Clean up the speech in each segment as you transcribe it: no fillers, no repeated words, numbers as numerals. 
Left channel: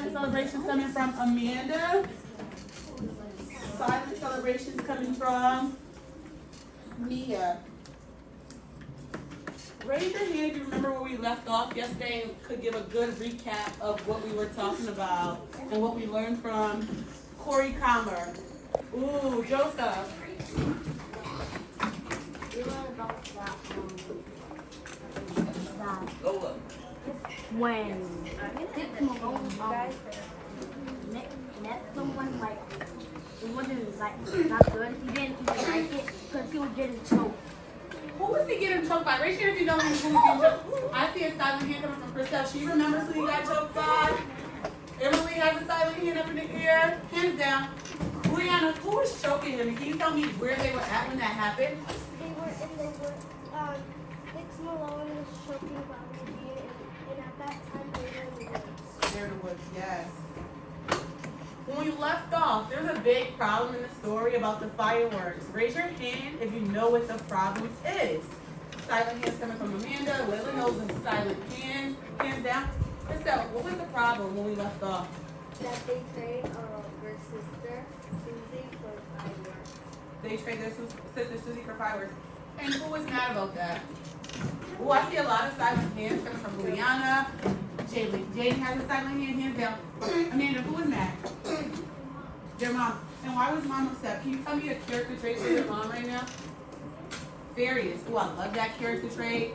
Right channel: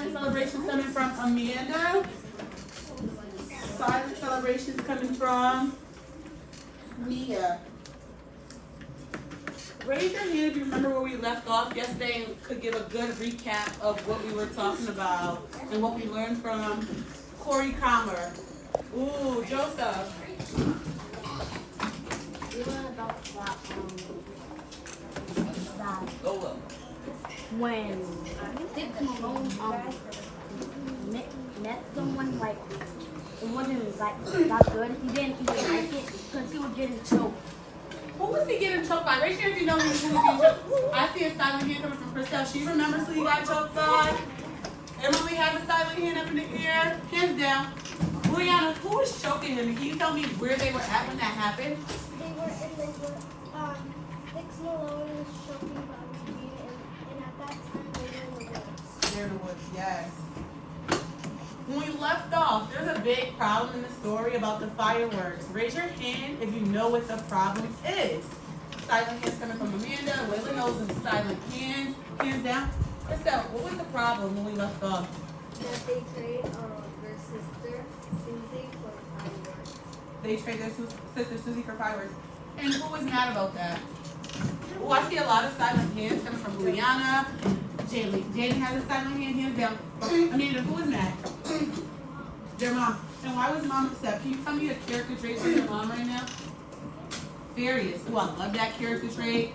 Silent celebrations coming from Amanda. Silent celebrations coming from Mia. Raise your hand if you remember where we left off yesterday and could give a good recap of what we were talking about and what we learned from Corey Comer. Ooh, Joseph. We learned about what, when Dick Malone met someone, like, it wasn't like that good. He didn't even like it because he was getting choked. Who was he getting choked by? Raise your hand if you know who was getting choked. I see a silent hand coming from Chriselle. She remembers who he got choked by? Emily has a silent hand up in the air. Hands down. Juliana, who was choking him? Can you tell me where they were at when that happened? They were in the wood. Dick Malone was choking by me, and at that time they were in the woods. They're in the woods, yes. When we left off, there's a big problem in the story about the fireworks. Raise your hand if you know what the problem is. Silent hands coming from Amanda. Willie knows them silent hands. Hands down. Chriselle, what was the problem when we left off? That they trade their sister Susie for fireworks. They trade their sister Susie for fireworks. And who was mad about that? Oh, I see a lot of silent hands coming from Juliana. Jaden has a silent hand. Hands down. Amanda, who was mad? Your mom. And why was mom upset? Can you tell me a character trait for your mom right now? Furious. Oh, I love that character trait.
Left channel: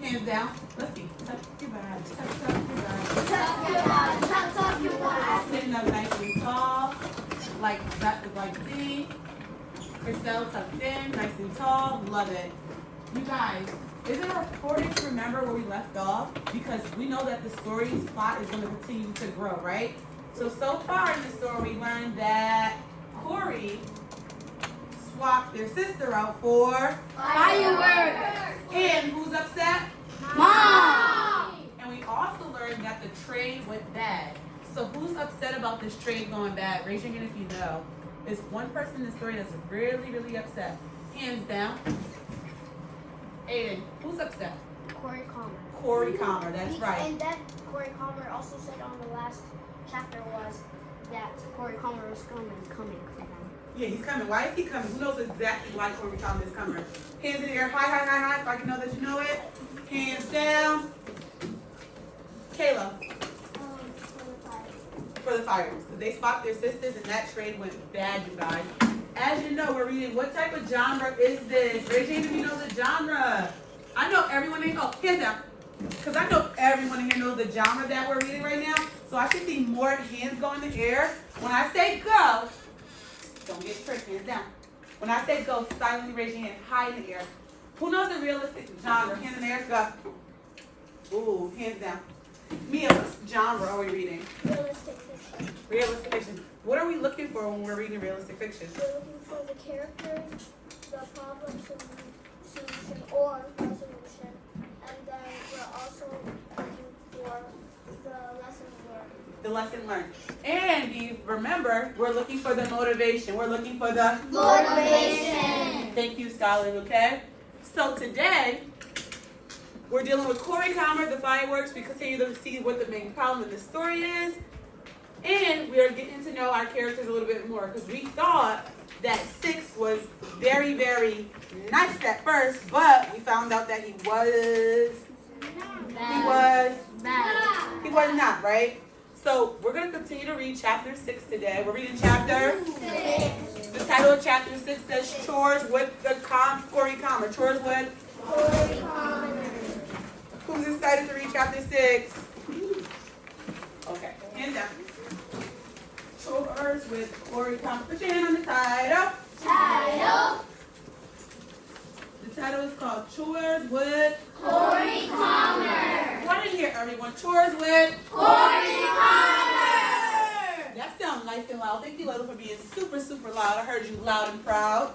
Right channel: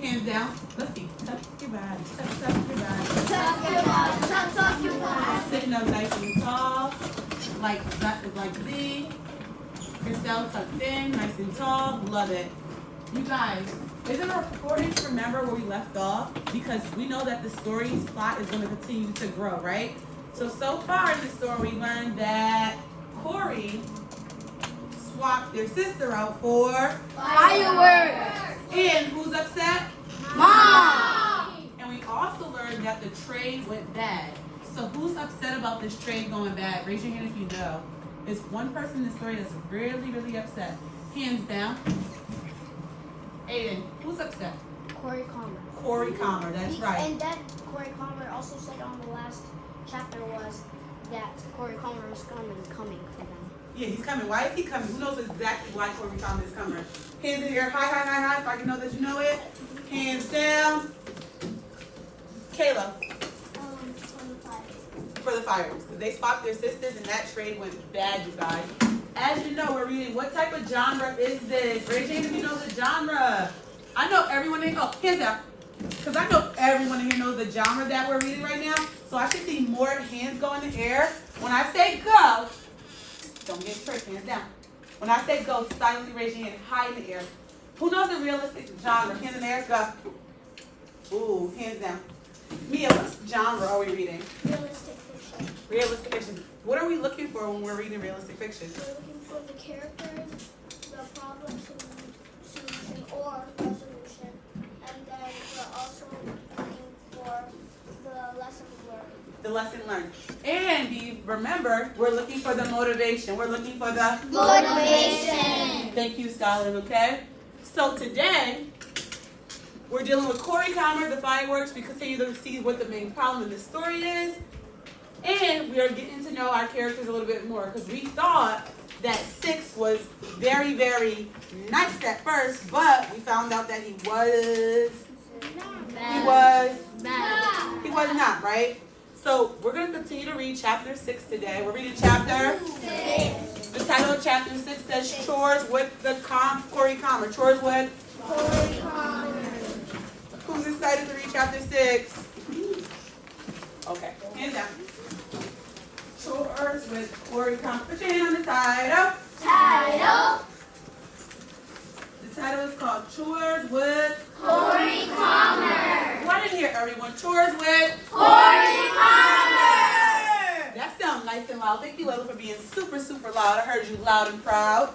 Hands down. Let's see. Tuck your body. Tuck your body. Tuck your body. Sitting up nice and tall. Like Z. Chriselle tucked in. Nice and tall. Love it. You guys, is it important to remember where we left off? Because we know that the story's plot is going to continue to grow, right? So far in the story, we learned that Corey swapped their sister out for Fireworks! And who's upset? Mom! And we also learned that the trade went bad. So who's upset about this trade going bad? Raise your hand if you know. There's one person in the story that's really, really upset. Hands down. Aiden, who's upset? Corey Comer. Corey Comer, that's right. And then Corey Comer also said on the last chapter was that Corey Comer was coming for them. Yeah, he's coming. Why is he coming? Who knows exactly why Corey Comer is coming? Hands in the air. Hi, if I can know that you know it. Hands down. Kayla. For the fireworks. They swapped their sisters and that trade went bad, you guys. As you know, we're reading, what type of genre is this? Raise your hand if you know the genre. I know everyone in, hands down. Because I know everyone in here knows the genre that we're reading right now. So I should see more hands go in the air. When I say go, don't get tricked, hands down. When I say go, silently raise your hand high in the air. Who knows the realistic genre? Hands in the air, go. Ooh, hands down. Mia, what genre are we reading? Realistic fiction. Realistic fiction. What are we looking for when we're reading realistic fiction? We're looking for the characters, the problem solution or resolution, and then we're also looking for the lesson learned. The lesson learned. And remember, we're looking for the motivation. We're looking for the Motivation. Thank you, Skyline, okay? So today, we're dealing with Corey Comer, the fireworks. We continue to see what the main problem in the story is. And we are getting to know our characters a little bit more because we thought that Six was very, very nice at first, but we found out that he was not, right? So we're going to continue to read chapter 6 today. We're reading chapter 6. The title of chapter 6 says Chores with the Corey Comer. Chores with Corey Comer. Who's excited to read chapter 6? Okay, hands down. Chores with Corey Comer. Put your hand on the title. The title is called Chores with Corey Comer! Why didn't hear everyone? Chores with Corey Comer! That sounds nice and loud. Thank you, Ella, for being super, super loud. I heard you loud and proud.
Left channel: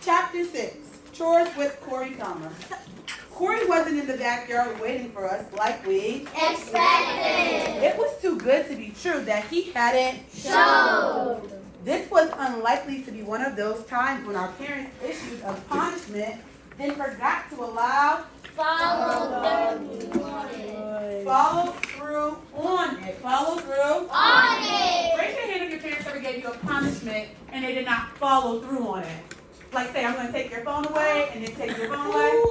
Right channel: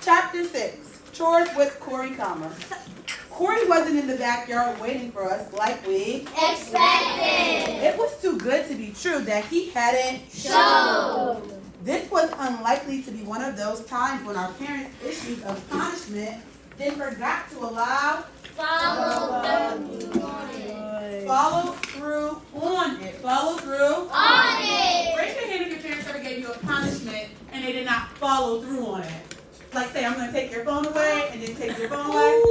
Chapter 6. Chores with Corey Comer. Corey wasn't in the backyard waiting for us like we Expected! It was too good to be true that he hadn't Showed! This was unlikely to be one of those times when our parents issued a punishment then forgot to allow Follow through on it. Follow through they did not follow through on it. Like say, I'm gonna take your phone away and then take your phone away.